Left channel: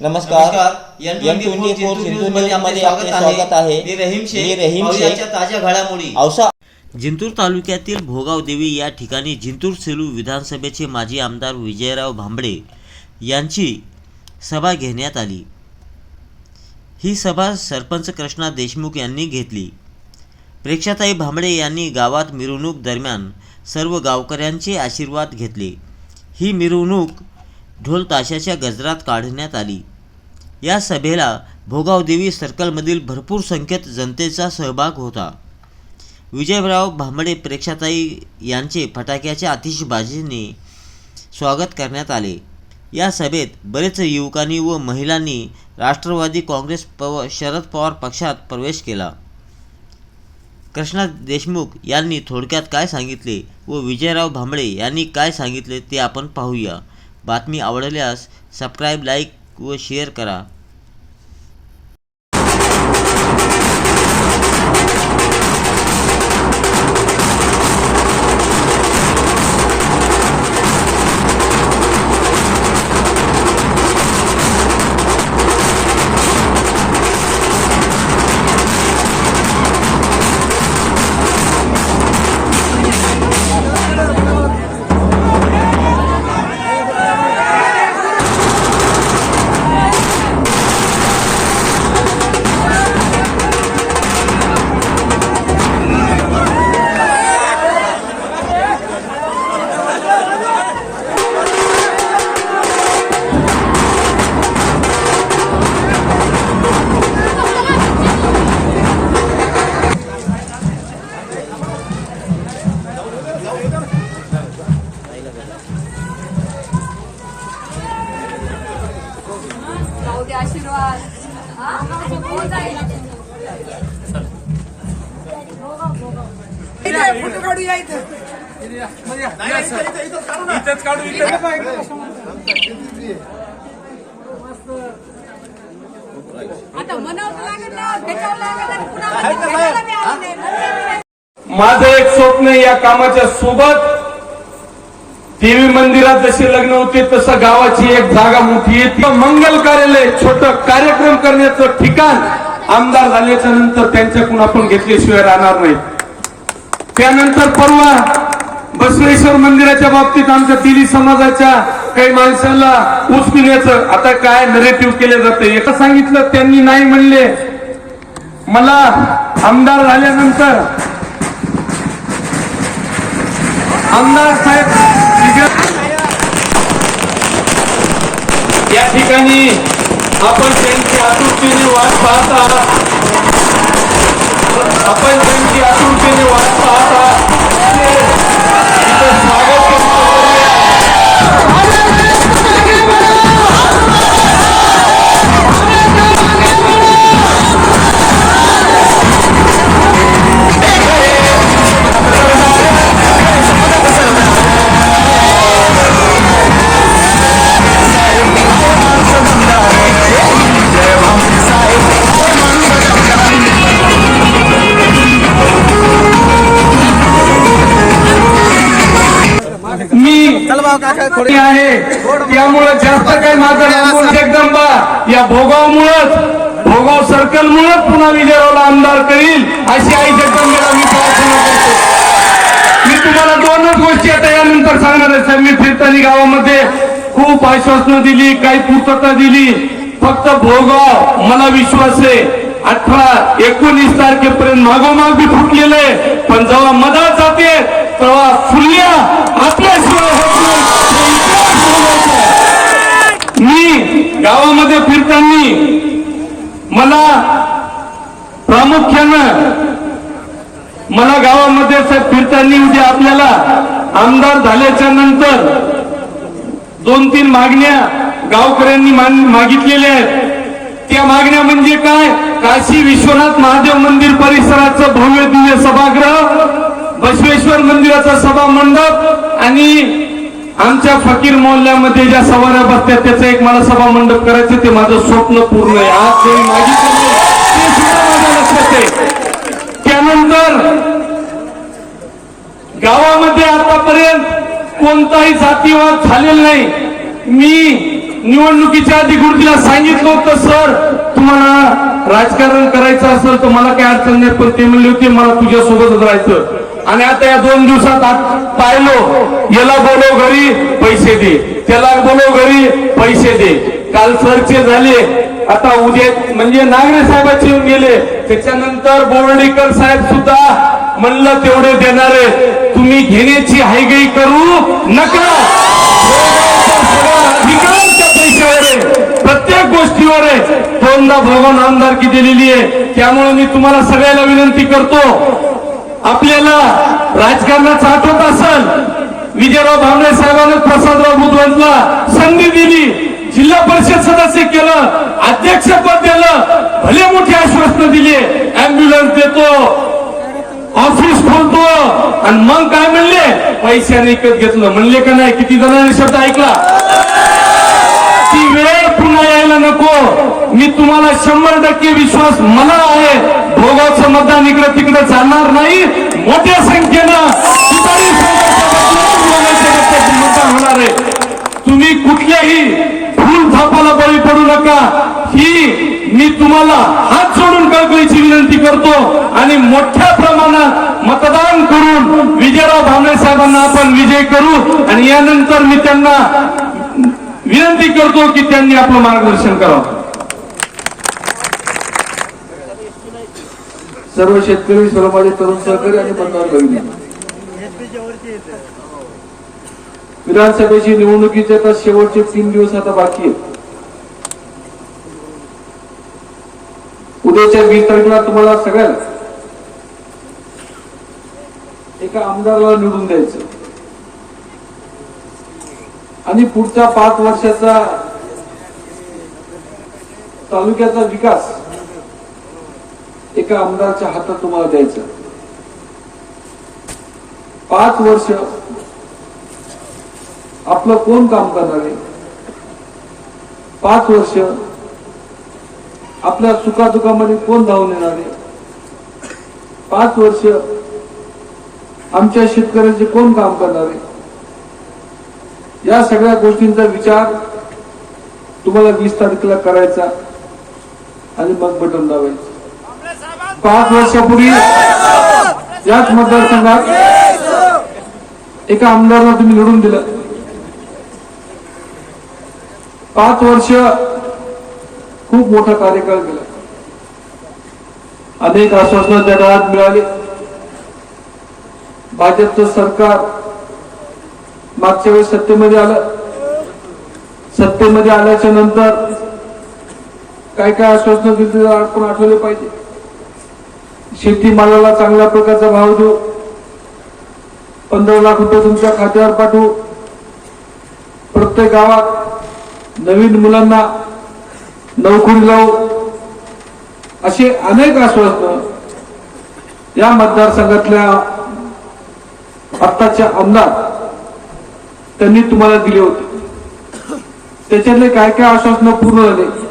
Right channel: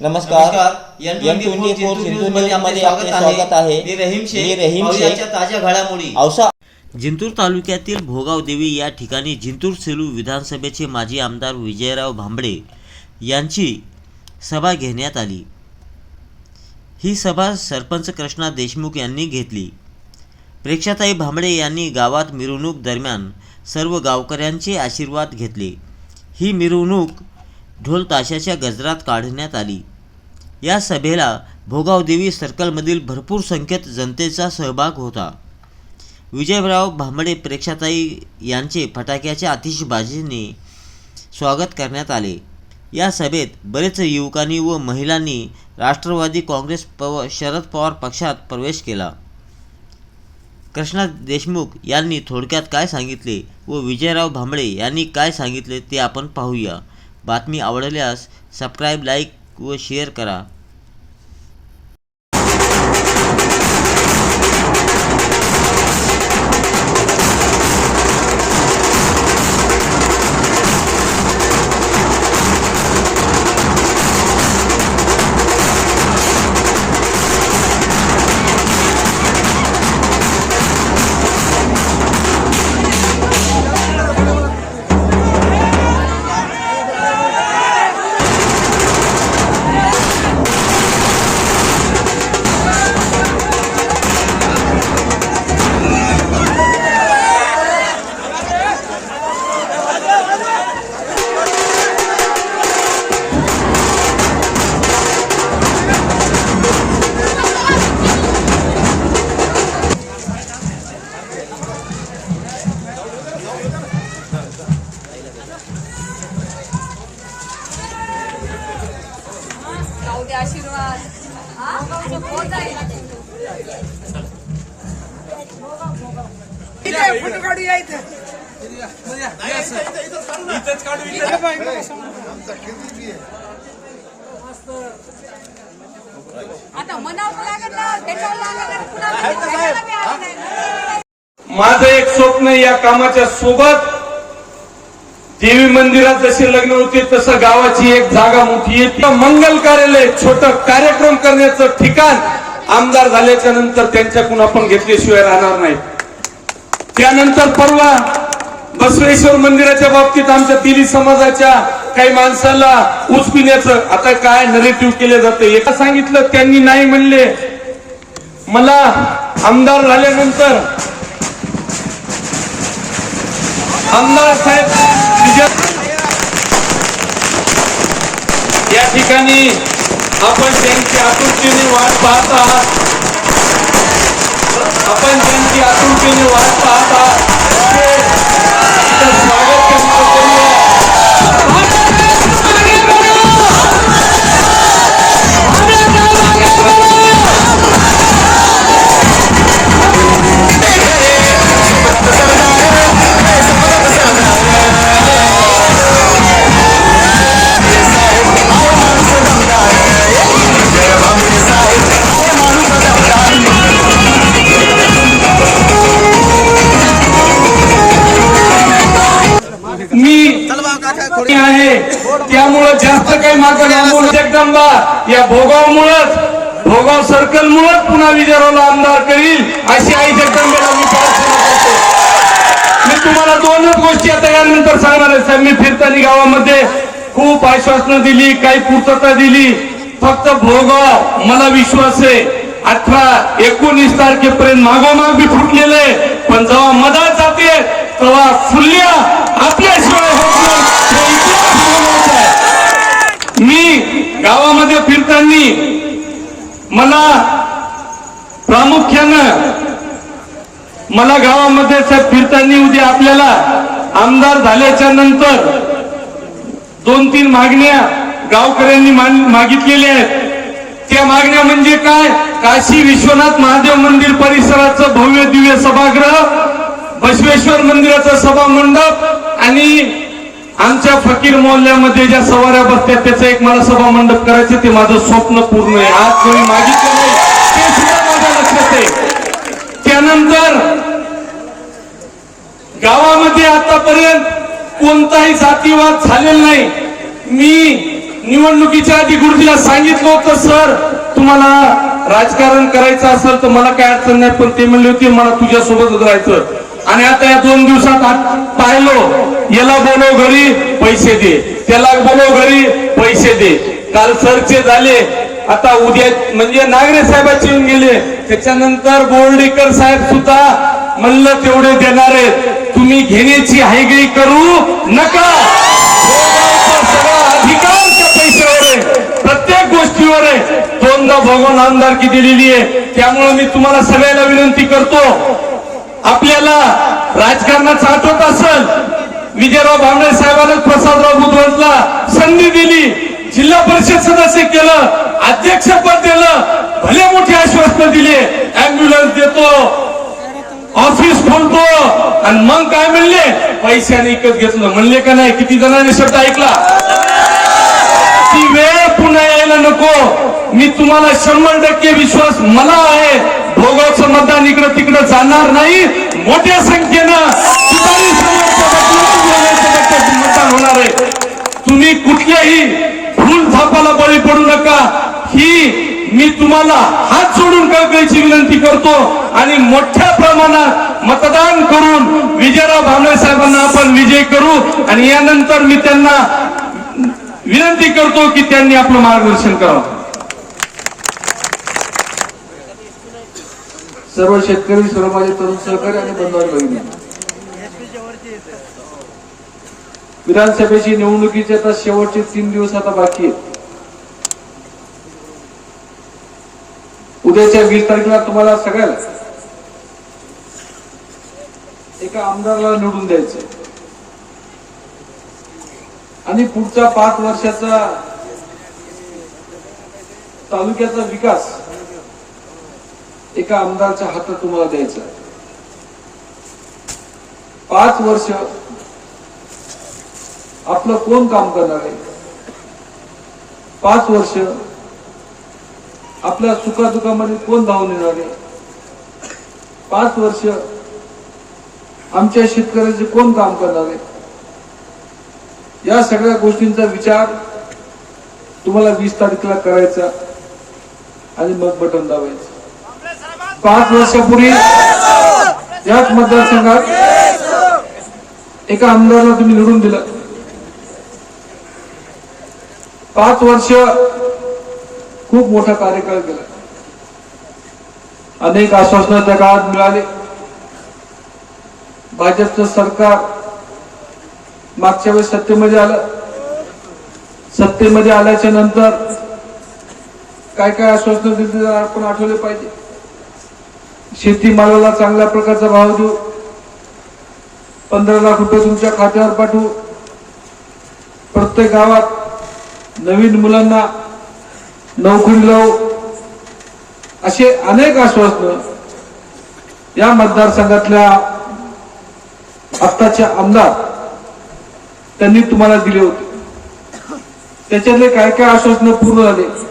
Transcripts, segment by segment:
नमस्कार. नमस्कार. N N twenty four Sindhu न्यूजमध्ये आपले स्वागत आहे. मी रहीम शेख मी रहीम पाहुयाच्या शेख. ताज्या घडामोडी. औसा जिंतूर तालुक्यातील भोगाव देवी या ठिकाणी जिंतूर सेलू विधानसभेचे माजी आमदार विजयराव भांबळे यांची सभा घेण्यात आली. ही सभा सरपंच कृष्णा देशमुख यांनी घेतली. प्रेक्षाताई भांबळे यांनी गावात मिरवणूक दरम्यान सर्व गावकऱ्यांचे आशीर्वाद घेतले. ही मिरवणूक ढोल ताशाच्या गजरात काढण्यात आली. या सभेला भोगावदेवी सर्कलमधील भरपूर संख्येत जनतेचा सहभाग होता. विजयराव भांबडे प्रेक्षाताई यांचे फटाक्याच्या आतिषबाजीने स्वागत करण्यात आले. या सभेत बरेच युवकांनी व महिलांनी राष्ट्रवादी काँग्रेस पव शरद पवार पक्षात प्रवेश केला. कृष्णा देशमुख यांनी थोडक्यात काय सांगितले व विजयराव भांबळे यांनी काय सांगितले ते आपण पाहूया. बातमी आवडल्यास सबस्क्राईब लाईक व शेअर करा. इथंच काढू आता मनावर लागत ना भेटावं लागत आणि पुन्हा म्हणते भेटायला बी आलं नाही. नंतर बी माझं एक स्वप्न आहे, या कामाच्या सोबत. देवी मंदिरात जसे लग्न होते तसं गावाची एक जागा मोठी आहे. ती मंगल कार्यालय छोट कार्यक्रम करण्याचं ठिकाण आमदार झाल्याच्यानंतर त्यांच्याकडून आपण घेतल्याशिवाय राहणार नाही. त्यानंतर परवा बसवेश्वर मंदिराच्या बाबतीत आमच्या दिली समाजाच्या काही माणसाला उचपिण्याचं आता काय नरेटिव्ह केलं जाते एका सांगितलं? त्यांनी नाही म्हणले. मला आमदार झाल्यानंतर आमदार साहेब या ठिकाणी आपण त्यांची आकृतीने वाट पाहत आहात. आपण त्यांची आकृतीने वाट पाहत जास्त काही माझं जगदंबा या भोगावमुळंच भोगाव सर्कल मुळेच पुन्हा विजयरावला आमदार करील अशी आई जगदंबाला मी प्रार्थना करतो. मी तुम्हाला दोनच गोष्टी आता यानंतर सांगणार आहे साहेब मी फिरताना गावामध्ये खूप आश्वासनं दिली काही पूर्तता दिली. फक्त भोगाव मला विश्वास आहे. अठरा एकोणीस तारखेपर्यंत मागोमाग बी फुटलेले पण जेव्हा मधात जाते तेव्हा फुल्ल्या आपल्याशिवाय होत नाही. हे इतिहास नोंदवायचा आहे. मी गावामध्ये फिरताना मला प्रामुख्यानं मला गावामध्ये साहेब फिरताना उद्या आपल्याला आमदार झाल्याच्यानंतर दोन तीन मागण्या गावकऱ्यांनी मान- मागितलेल्या आहेत. त्या मागण्या म्हणजे काय? काशी विश्वनाथ महादेव मंदिर परिसराचं भव्य दिव्य सभागृह बसवेश्वर मंदिराचा सभा मंडप आणि आमच्या फकीर मोहल्ल्यामध्ये ज्या सवाऱ्या बसतात त्याचं एक मला सभा मंडप करायचं ते माझं स्वप्न पूर्ण आहे. आज कोणी मागितलं नाही ते सुद्धा माझ्या लक्षात आहे. त्यानंतर गावामध्ये आतापर्यंत कोणताही जातीवाद झालेला नाही. मी निवडणुकीच्या आधी गुरुजीला सांगितलं होतं सर तुम्हाला राजकारण करायचं असेल तर मला काय अडचण नाही पण ते म्हणले होते मला तुझ्यासोबतच राहायचं. आणि आता या दोन दिवसात आत पाहिलो याला बोलव घरी पैसे दे. त्याला बोलव घरी पैसे दे. काल सरचे झाले आता उद्या म्हणजे नागरे साहेबाचे येऊन गेले. त्याच्यानंतर बोर्डीकर साहेब सुद्धा म्हणलं तेवढे देणारे तुम्ही घेण्याची हायगई करू नका. अधिकार त्या पैशावर आहे. प्रत्येक गोष्टीवर आहे. दोनदा भगवान आमदारकी दिलेली आहे. त्यामुळे मी तुम्हाला सगळ्याला विनंती करतो. आपल्याला राजकारणात साठवत असल. विजयराव भामरे साहेबांनी प्रसादराव बुधवंतला संधी दिली. जिल्हा परिषद सदस्य केलं. अध्यक्षपद दिलं. भले मोठे आश्वासन दिले. अँब्युलन्स देतो. ऑफिस खोलतो. आणि मग काय म्हणले? पैशाने विकत घेतलं. म्हणले का नाही? किती जणांनी शब्द ऐकला? ती वेळ पुन्हा यायला नको. मी तुम्हाला शंभर टक्के विश्वास मला आहे. भोगावचं मतदान इकडं तिकडं जाणार नाही. मोठ्या संख्येनं मतदान होणार आहे. तुम्ही कुठल्याही फुल थापाला बळी पडू नका. ही मी तुम्हाला हात सोडून कळकळीची विनंती करतो आणि मोठ्या प्रमाणात मतदान करून विजयराव भामरे साहेबांना आपण विजय करू आणि यानंतर मी त्यांना विनंती करतो की त्यांनी आपलं मार्गदर्शन करावं. सर्व शेतकरी सर्व माझे तरुण सहकारी आणि बंधू भगिनी. विधानसभेची निवडणुकीचे आता शेवटचे तीन दिवस आता बाकी आहेत. उद्याच्या वीस तारखेला तुम्हाला सगळ्याला एका आमदाराला निवडून द्यायचं. आणि पुढच्या पाच वर्षाचा तालुक्याचा विकास एका आमदारच्या हातात तुम्हाला द्यायचं. पाच वर्ष आपलं कोण काम करणार आहे? पाच वर्ष आपल्या सुखादुखामध्ये कोण धावून येणार आहे? पाच वर्ष आमच्या शेतकऱ्याचे कोण काम करणार आहे? या सगळ्या गोष्टींचा विचार तुम्हाला वीस तारखेला करायचा आणि मग बटन दाबायचं. पाच वर्षापूर्वी याच मतदारसंघात एका आमदारला तुम्ही निवडून दिलं. पाच वर्ष खूप मोठा कार्यकाळ केला अनेक आश्वासनं त्या काळात मिळाली. भाजपचं सरकार मागच्या वेळेस सत्तेमध्ये आलं. सत्तेमध्ये आल्याच्यानंतर काय काय आश्वासनं दिली आपण आठवले पाहिजे. शेतीमालाला चांगल्या प्रकारचा भाव देऊ. पंधरा लाख रुपये तुमच्या खात्यावर पाठवू. प्रत्येक गावात नवीन मुलांना नोकरी लावू. असे अनेक आश्वासनं या मतदारसंघातल्या आत्ताच्या आमदार त्यांनी तुम्हाला दिले होते. त्याच्यातले काय काय आश्वासनं पूर्ण झाले?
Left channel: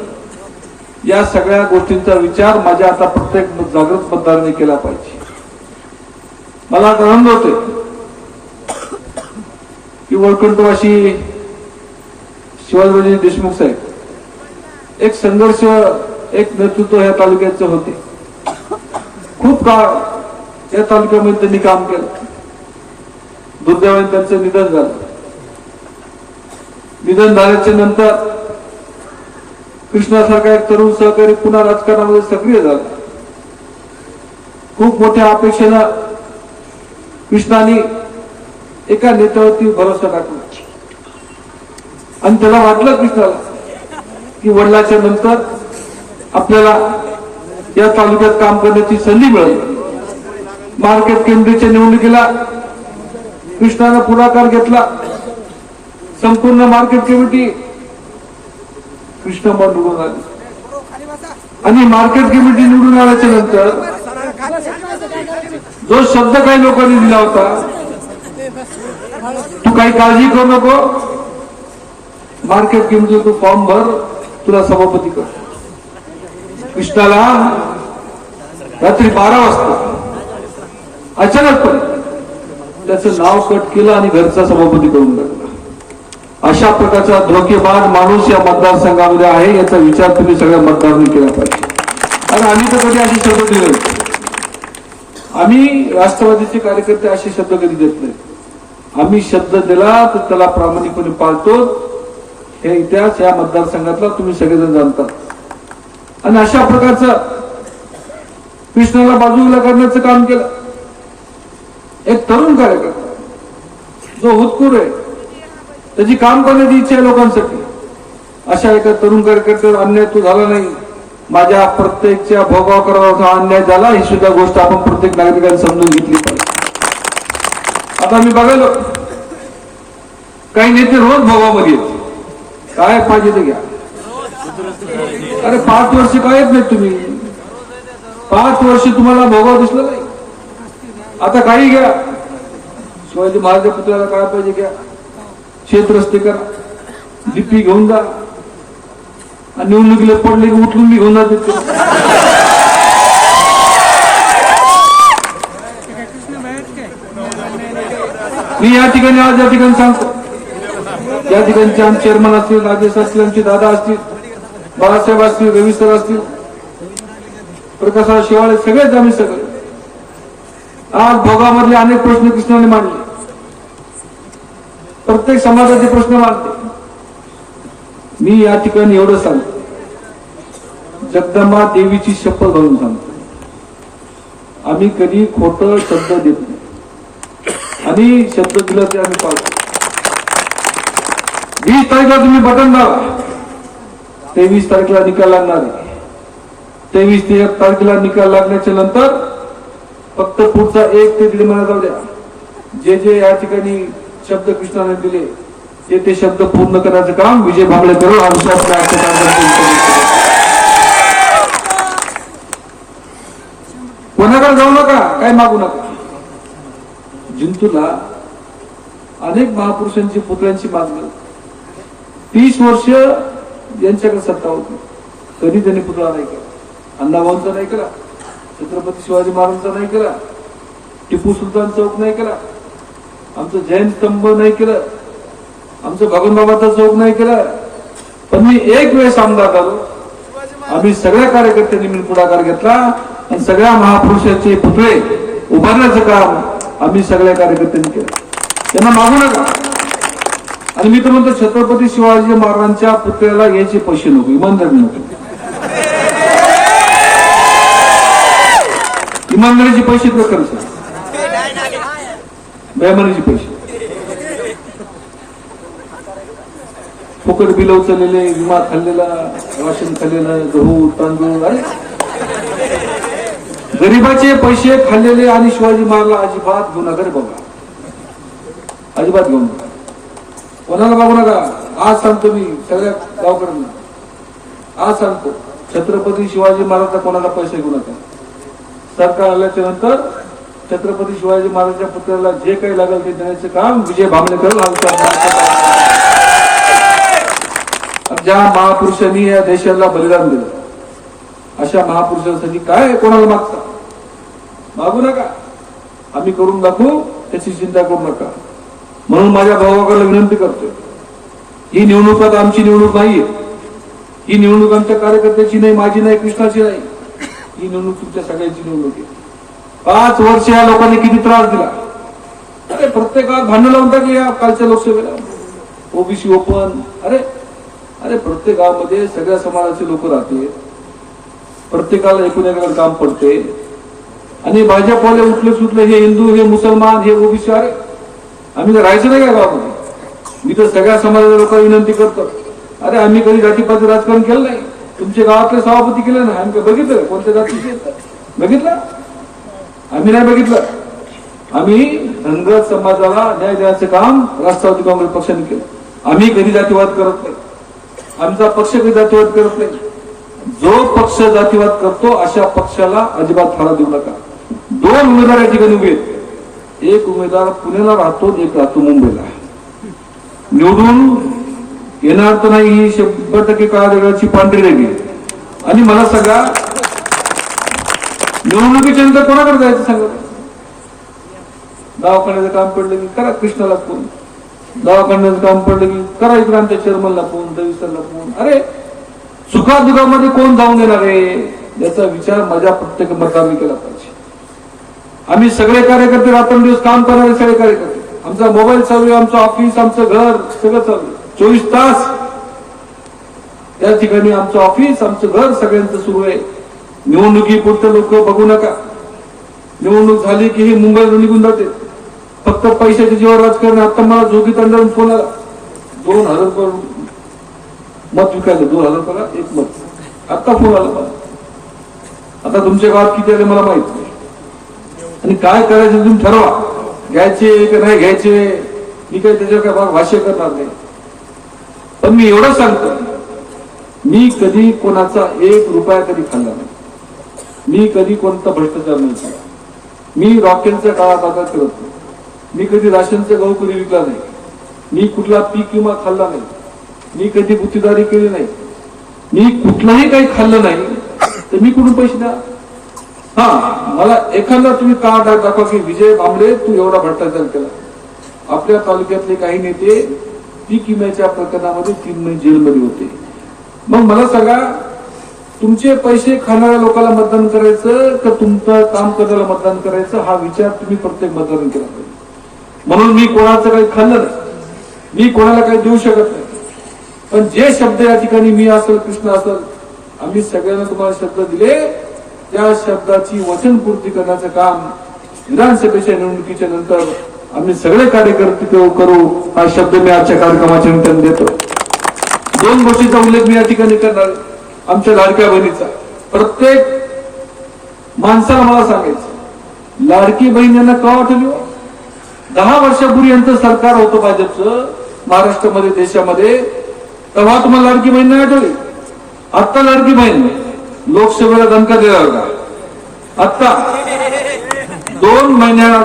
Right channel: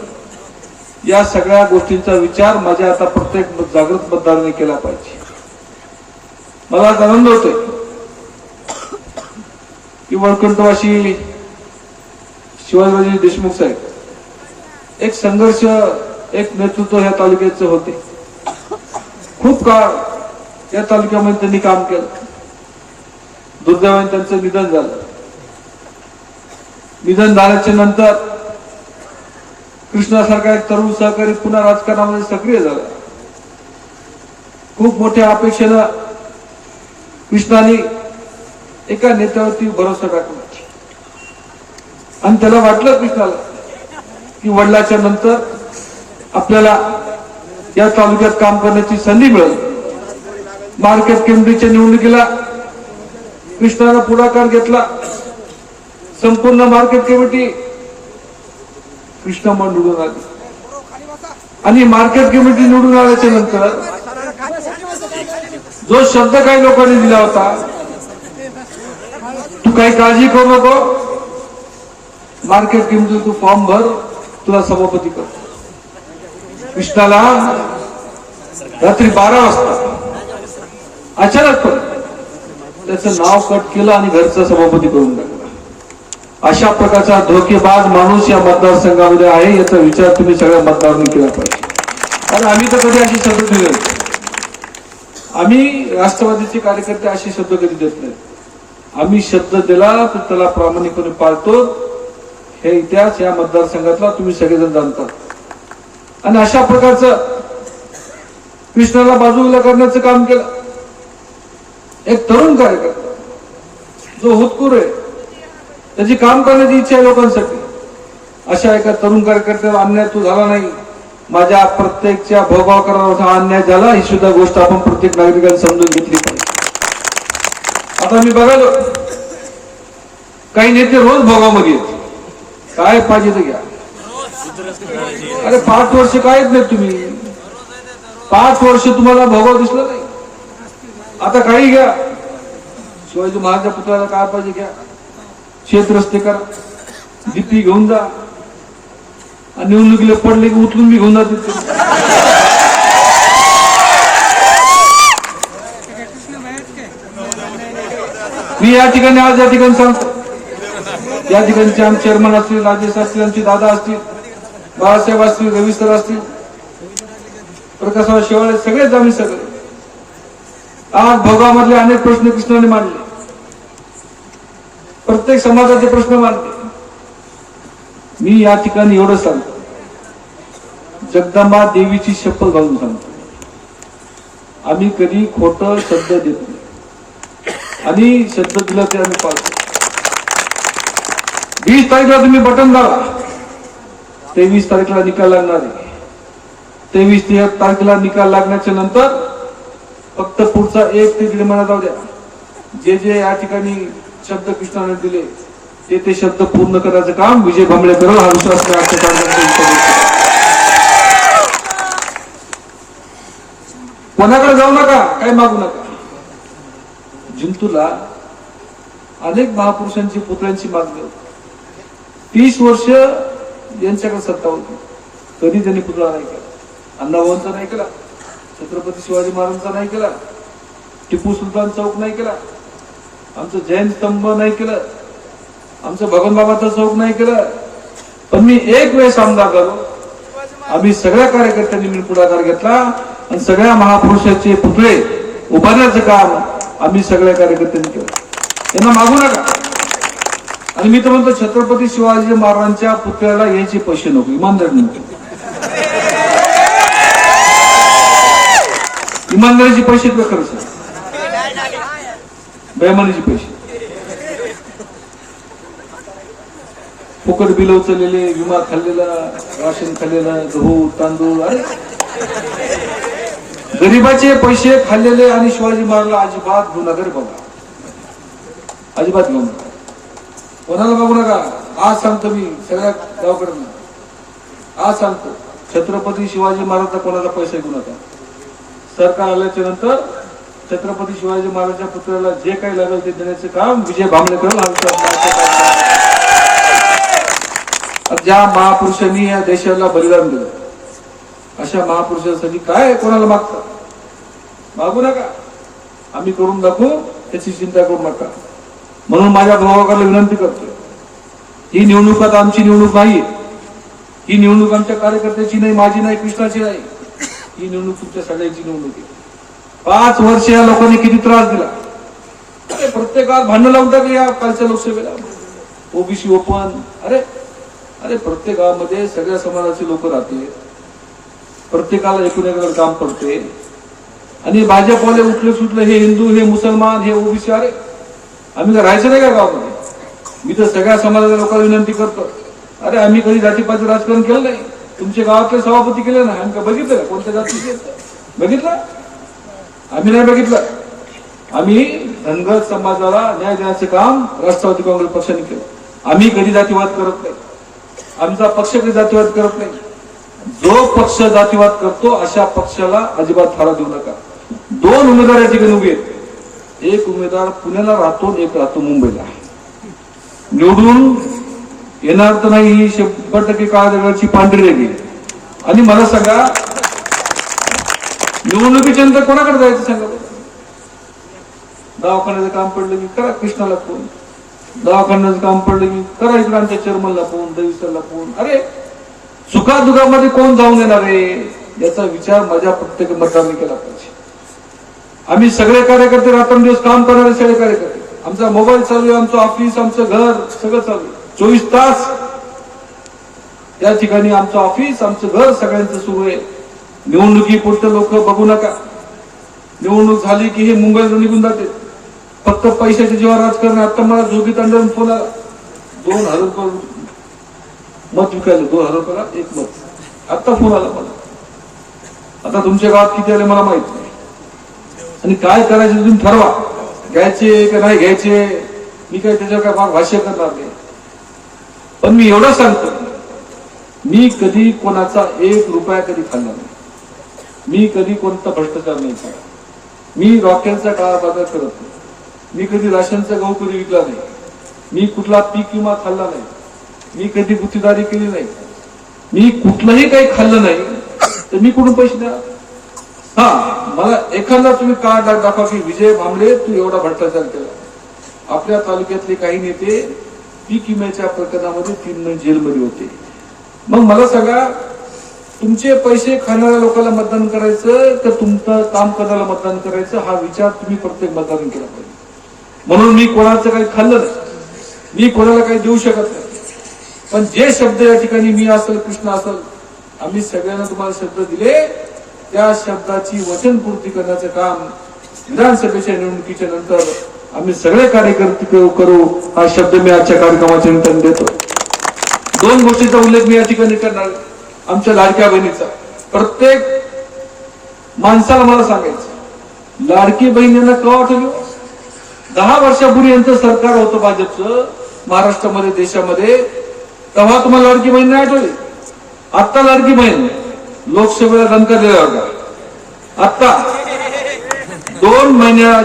या सगळ्या गोष्टींचा विचार माझ्या आता प्रत्येक जागृत मतदाराने केला पाहिजे. मला आज आनंद होतोय. की वळकंठवाशी शिवाजीराजे देशमुख साहेब एक संघर्ष एक नेतृत्व या तालुक्याचे होते. खूप काळ या तालुक्यामध्ये त्यांनी काम केलं. दुर्दैवाने त्यांचं निधन झालं. निधन झाल्याच्यानंतर कृष्णासारखा एक तरुण सहकारी पुन्हा राजकारणामध्ये सक्रिय झाला. खूप मोठ्या अपेक्षेनं कृष्णाने एका नेत्यावरती भरोसा टाकला. आणि त्याला वाटलं कृष्णाला की वडिलाच्या नंतर आपल्याला या तालुक्यात काम करण्याची संधी मिळेल. मार्केट कमिटीच्या निवडणुकीला कृष्णानं पुढाकार घेतला. संपूर्ण मार्केट कमिटी कृष्ण मन निवडून आणि मार्केट कमिटी निवडून आल्याच्यानंतर जो शब्द काही लोकांनी दिला होता तू काही काळजी करू नको. मार्केट कमिटी तू फॉर्म भर तुला सभापती कर. कृष्णाला रात्री बारा वाजता अचानक त्याचं नाव कट केलं आणि घरचा सभापती करून टाकला. अशा प्रकारचा धोकेबाज माणूस या मतदारसंघामध्ये आहे याचा विचार तुम्ही सगळ्या मतदारांनी केला पाहिजे. आणि आम्ही तर कधी असे शब्द दिले आम्ही राष्ट्रवादीचे कार्यकर्ते असे शब्द कधी देत नाही. आम्ही शब्द दिला तर त्याला प्रामाणिकपणे पाळतो. हे इतिहास या मतदारसंघातला तुम्ही सगळेजण जाणतात आणि अशा प्रकारचं कृष्णाला बाजूला करण्याचं काम केलं. एक तरुण कार्यकर्ता जो हुतकूर आहे त्याची काम करण्याची इच्छा आहे लोकांसाठी. अशा एका तरुण कार्यकर्त्याला अन्याय तो झाला नाही. माझ्या प्रत्येकच्या भोगाव करावा अन्याय झाला ही सुद्धा गोष्ट आपण प्रत्येक नागरिकांनी समजून घेतली पाहिजे. आता मी बघालो काही नेते रोज भोगामध्ये येत काय पाहिजे ते घ्या. अरे पाच वर्ष काय नाही तुम्ही? पाच वर्ष तुम्हाला भोगाव दिसलं नाही. आता काही घ्या. शिवाजी महाराज पुतळ्याला काय पाहिजे घ्या. शेत रस्ते करा. डीपी घेऊन जा. आणि निवडणुकीला पडले की उचलून मी घेऊन जाते मी या ठिकाणी आज या ठिकाणी सांगतो. या ठिकाणचे आमचे चेअरमन असतील राजेश असतील आमचे दादा असतील बाळासाहेब असतील रवी सर असतील प्रकाशराव शिवाळे सगळेच आम्ही सगळे. आज भोगामधले अनेक प्रश्न कृष्णाने मांडले. प्रत्येक समाजाचे प्रश्न मानते मी या ठिकाणी एवढं सांगतो. जगदंबा देवीची शपथ घालून सांगतो. आम्ही कधी खोट शब्द देत नाही. आणि शब्द दिला ते आम्ही पाळतो. वीस तारखेला तुम्ही बटन दाबा. तेवीस तारखेला निकाल लागणार आहे. तेवीस ते तारखेला निकाल लागण्याच्या नंतर फक्त पुढचा एक ते दीड महिना जाऊ द्या. जे जे या ठिकाणी शब्द कृष्णाने दिले. ते ते शब्द पूर्ण करायचं काम विजय भांबळे करून हा विश्वास कोणाकडे जाऊ नका काय मागू नका. जिंतूला अनेक महापुरुषांची पुतळ्यांची मागणी तीस वर्ष यांच्याकडे सत्ता होती. कधी त्यांनी पुतळा नाही केला. अण्णाभाऊंचा नाही केला. छत्रपती शिवाजी महाराजांचा नाही केला. टिपू सुलतान चौक नाही केला. आमचं जैन स्तंभ नाही केलं. आमचं भगवानबाबाचा चौक नाही केलं. पण मी एक वेळेस आमदार झालो. आम्ही सगळ्या कार्यकर्त्यांनी मी पुढाकार घेतला. आणि सगळ्या महापुरुषाचे पुतळे उभारण्याचं काम आम्ही सगळ्या कार्यकर्त्यांनी केलं. त्यांना मागू नका. आणि मी तर म्हणतो छत्रपती शिवाजी महाराजांच्या पुतळ्याला यायचे पैसे नको इमानदारी नको. इमानदारीचे पैसे तर डायमंडचे पैसे. फुकट बिल उचललेले विमा खाल्लेला राशन खाल्लेला गहू तांदूळ अरे गरीबाचे पैसे खाल्लेले आणि शिवाजी महाराजला अजिबात घेऊ नका. रे बाबा अजिबात घेऊ नका. कोणाला बघू नका? आज सांगतो मी सगळ्या गावकऱ्यांना. आज सांगतो छत्रपती शिवाजी महाराजचा कोणाला पैसे घेऊ नका. सरकार आल्याच्यानंतर छत्रपती शिवाजी महाराजांच्या पुतळ्याला जे काही लागेल ते देण्याचं काम विजय भांबळे ज्या महापुरुषांनी या देशाला बलिदान दिलं अशा महापुरुषांसाठी काय कोणाला मागता? मागू नका. आम्ही करून दाखवू त्याची चिंता करू नका. म्हणून माझ्या भावाकडे विनंती करतोय. ही निवडणूक आता आमची निवडणूक नाहीये. ही निवडणूक आमच्या कार्यकर्त्याची नाही माझी नाही कृष्णाची नाही. ही निवडणूक तुमच्या सगळ्यांची निवडणूक आहे. पाच वर्ष या लोकांनी किती त्रास दिला? अरे प्रत्येकावर भांडण लावून की या कालच्या लोकसभेला. ओबीसी ओपन अरे अरे प्रत्येक गावामध्ये सगळ्या समाजाचे लोक राहते. प्रत्येकाला एकूण एकाकडे काम पडते. आणि भाजपवाले उठले सुटले हे हिंदू हे मुसलमान हे ओबीसी अरे आम्ही तर राहायचं नाही का गावामध्ये? मी तर सगळ्या समाजाच्या लोकांना विनंती करतो. अरे आम्ही कधी जातीपाती राजकारण केलं नाही? तुमच्या गावातले सभापती केले ना आम्ही बघितलं कोणत्या जातीचे? बघितलं? आम्ही नाही बघितलं. आम्ही धनगर समाजाला न्याय देण्याचे काम राष्ट्रवादी काँग्रेस पक्षाने केलं. आम्ही कधी जातीवाद करत नाही. आमचा पक्ष कधी जातीवाद करत नाही. जो पक्ष जातीवाद करतो अशा पक्षाला अजिबात फारा देऊ नका. दोन उमेदवार या ठिकाणी उभे आहेत. एक उमेदवार पुण्याला राहतो एक राहतो मुंबईला. निवडून येणार तर नाही ही शंभर टक्के काळा दगडाची पांढरी रेगी आहे. आणि मला सांगा निवडणुकीच्या नंतर कोणाकडे जायचं सांगा? दवाखान्याचं काम पडलं की करा कृष्णाला फोन दवाखान्याचं काम पडलं की करायचं आमच्या चेअरमनला फोन दविसरला फोन अरे सुखादुखामध्ये कोण जाऊन देणार आहे? याचा विचार माझ्या प्रत्येक मतदारांनी केला पाहिजे. आम्ही सगळे कार्यकर्ते रात्रंदिवस काम करणारे सगळे कार्यकर्ते. आमचा मोबाईल चालू आहे आमचं ऑफिस आमचं घर सगळं चालू आहे. चोवीस तास. त्या ठिकाणी आमचं ऑफिस आमचं घर सगळ्यांचं सुरू आहे. निवडणुकीपुरते लोक बघू नका. निवडणूक झाली की हे मुंबईला निघून जाते. फक्त पैशाच्या जीवावर राजकारण आता मला जोगी तंडावून फोन आला दोन हजार रुपये मत विकायले दोन हजार रुपयाला एक मत. आता फोन आला मला. आता तुमच्या गावात किती आले मला माहीत नाही. आणि काय करायचे तुम्ही ठरवा. घ्यायचे का नाही घ्यायचे मी काही त्याच्यावर काय भाग भाष्य करणार नाही. पण मी एवढं सांगतो. मी कधी कोणाचा एक रुपया कधी खाल्ला नाही. मी कधी कोणता भ्रष्टाचार नाही केला. मी रॉकेलचा काळा बाजार करत नाही. मी कधी राशनचा गहू कधी विकला नाही. मी कुठला पीक विमा खाल्ला नाही. मी कधी गुत्तेदारी केली नाही. मी कुठलाही काही खाल्लं नाही तर मी कुठून पैसे द्या हा मला एखादा तुम्ही का दाखवा की विजय भांबळे तू एवढा भ्रष्टाचार केला. आपल्या तालुक्यातले काही नेते पीक विम्याच्या प्रकरणामध्ये तीन महिने जेलमध्ये होते. मग मला सांगा तुमचे पैसे खाणाऱ्या लोकांना मतदान करायचं का तुमचं काम करण्याला मतदान करायचं हा विचार तुम्ही प्रत्येक मतदान केला पाहिजे. म्हणून मी कोणाचं काही खाल्लं नाही मी कोणाला काही देऊ शकत नाही. पण जे शब्द या ठिकाणी मी असल कृष्ण असल आम्ही सगळ्यांना तुम्हाला शब्द दिले त्या शब्दाची वचनपूर्ती करण्याचं काम विधानसभेच्या निवडणुकीच्या नंतर आम्ही सगळे कार्यकर्ते करू हा शब्द मी आजच्या कार्यक्रमाच्या निमित्ताने देतो. दोन गोष्टीचा उल्लेख मी या ठिकाणी करणार आहे. आमच्या लाडक्या बहिणीचा. प्रत्येक माणसाला मला सांगायचं लाडकी बहीण यांना का वाटली दहा वर्षापूर्वी यांचं सरकार होतं भाजपचं महाराष्ट्रामध्ये देशामध्ये. तेव्हा तुम्हाला लाडकी बहीण नाही आठवली? आत्ता लाडकी बहीण लोकसभेला दणका दिला होता आत्ता. दोन महिन्याला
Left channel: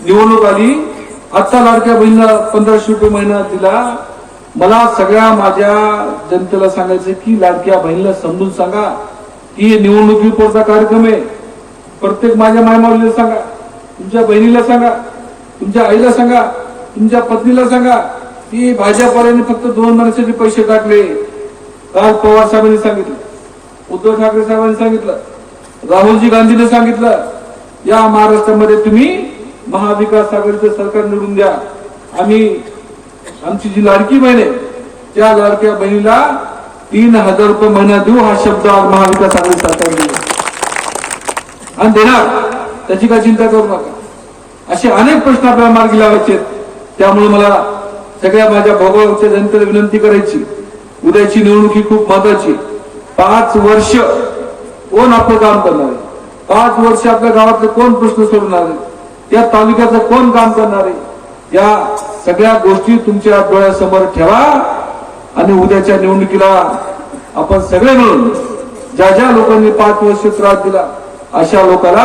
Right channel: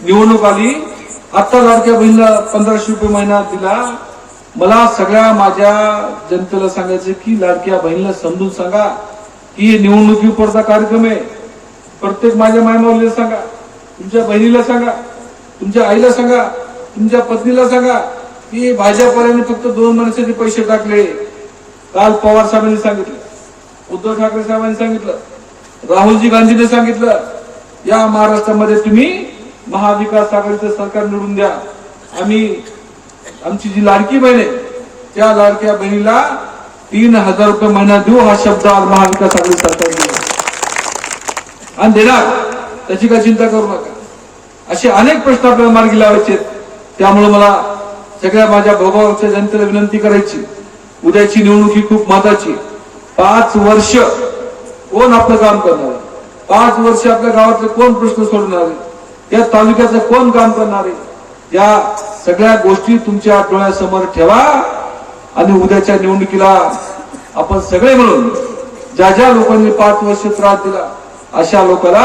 निवडणूक आली आत्ता लाडक्या बहिणीला पंधराशे रुपये महिना दिला. मला सगळ्या माझ्या जनतेला सांगायचं की लाडक्या बहिणीला समजून सांगा की हे निवडणुकीपुरता कार्यक्रम आहे. प्रत्येक माझ्या मायमावलीला सांगा. तुमच्या बहिणीला सांगा. तुमच्या आईला सांगा. तुमच्या पत्नीला सांगा की भाजपवाल्यांनी फक्त दोन माणसाचे पैसे टाकले. काल पवार साहेबांनी सांगितलं. उद्धव ठाकरे साहेबांनी सांगितलं. राहुलजी गांधीने सांगितलं या महाराष्ट्रामध्ये तुम्ही महाविकास आघाडीचं सरकार निवडून द्या. आम्ही आमची जी लाडकी बहीण आहे त्या लाडक्या बहिणीला तीन हजार रुपये महिना देऊ हा शब्द आज महाविकास आघाडी सरकार आणि देणार त्याची काय चिंता करू नका. असे अनेक प्रश्न आपल्याला मार्गी लावायचे त्यामुळे मला सगळ्या माझ्या भोगावच्या जनतेला विनंती करायची. उद्याची निवडणूक ही खूप महत्वाची. पाच वर्ष कोण आपलं काम करणार आहे? पाच वर्ष आपल्या गावातले कोण प्रश्न सोडणार आहे? त्या तालुक्याचं कोण काम करणार आहे? या सगळ्या गोष्टी तुमच्या डोळ्यासमोर ठेवा आणि उद्याच्या निवडणुकीला आपण सगळे मिळून ज्या ज्या लोकांनी पाच वर्ष त्रास दिला अशा लोकांना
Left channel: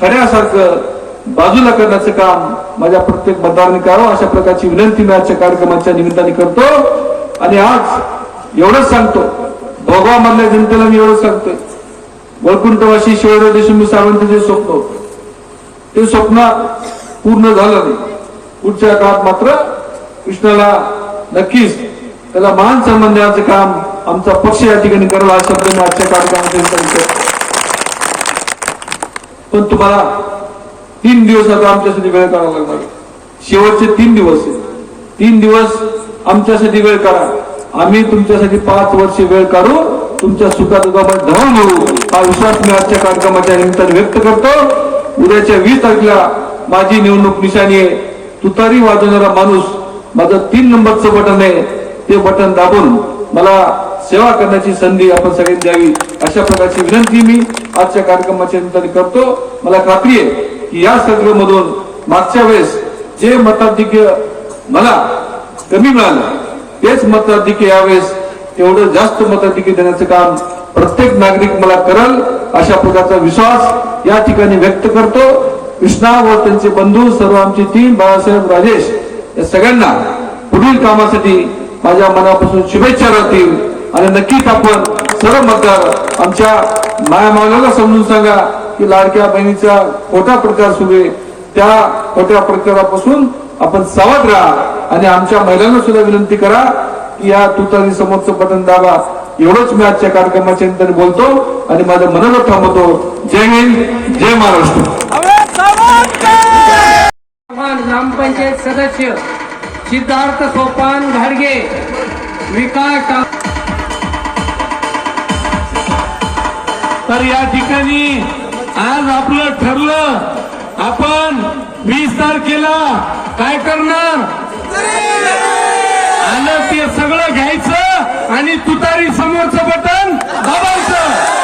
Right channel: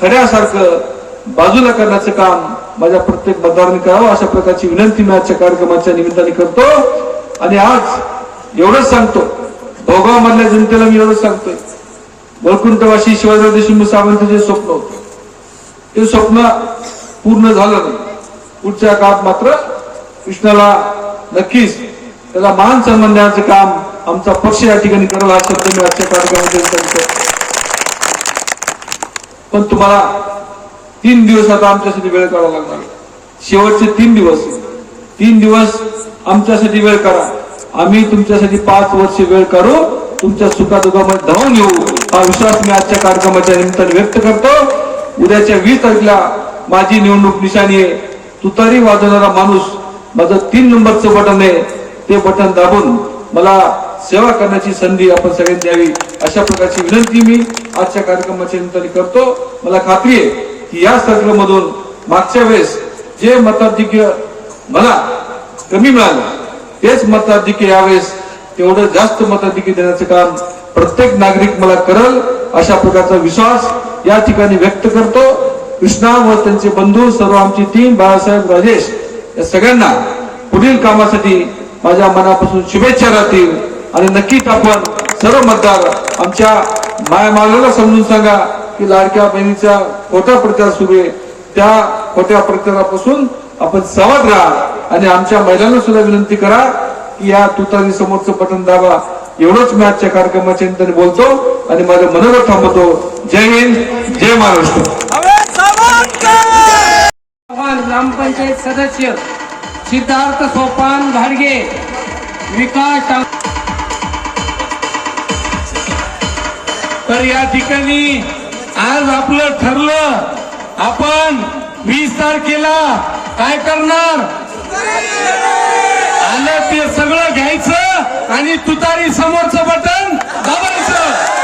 खड्यासारखं बाजूला करण्याचं काम माझ्या प्रत्येक मतदारांनी करावं अशा प्रकारची विनंती मी आजच्या कार्यक्रमाच्या निमित्ताने करतो. आणि आज एवढंच सांगतो भोगाव मधल्या जनतेला मी एवढंच सांगतोय. वैकुंठवासी शिवाजीराव देशमुख सावंतचे जे स्वप्न होते. ते स्वप्न पूर्ण झालं नाही. पुढच्या काळात मात्र कृष्णाला नक्कीच त्याला मान सन्मान देण्याचं काम आमचा पक्ष या ठिकाणी करेल हा शब्द मी आजच्या कार्यक्रमामध्ये पण तुम्हाला तीन दिवस आता आमच्यासाठी वेळ काढावा लागणार शेवटचे तीन दिवस. तीन दिवस आमच्यासाठी वेळ काढा. आम्ही तुमच्यासाठी पाच वर्ष वेळ काढू तुमच्या सुखा दुखामध्ये धावून घेऊ. हा विश्वास मी आजच्या कार्यक्रमाच्या निमित्ताने व्यक्त करतो. उद्याच्या वीस तारखेला माझी निवडणूक निशाणी आहे. तुतारी वाजवणारा माणूस माझं तीन नंबरचं बटन आहे ते बटन दाबून मला सेवा करण्याची संधी आपण सगळ्यांनी द्यावी अशा प्रकारची विनंती मी आजच्या कार्यक्रमाच्या निमित्ताने करतो. मला खात्री आहे की या सर्वमधून मागच्या वेळेस जे मताधिक्य मला कमी मिळालं तेच मताधिक्य यावेळेस तेवढं जास्त मताधिक्य देण्याचं काम प्रत्येक नागरिक मला करल अशा प्रकारचा विश्वास या ठिकाणी व्यक्त करतो. कृष्णा व त्यांचे बंधू सर्व आमची टीम बाळासाहेब राजेश या सगळ्यांना पुढील कामासाठी माझ्या मनापासून शुभेच्छा राहतील. आणि नक्कीच आपण सर्व मतदार आमच्या माया मावल्याला समजून सांगा की लाडक्या बहिणीचा खोटा प्रकार सुरू आहे. त्या खोट्या प्रचारापासून आपण सावध राहा आणि आमच्या महिलांना सुद्धा विनंती करा की या तुतारी समोरचं बटन दाबा. एवढंच मी आजच्या कार्यक्रमाच्या निमित्ताने बोलतो आणि माझं मनोगत थांबवतो. जय हिंद जय महाराष्ट्र. ग्रामपंचायत सदस्य सिद्धार्थ सोपान घाडगे विकास तर या ठिकाणी आज आपलं ठरलं आपण वीस तारखेला काय करणार? आलं ते सगळं घ्यायचं आणि तुतारी समोरचं बटन दाबायचं.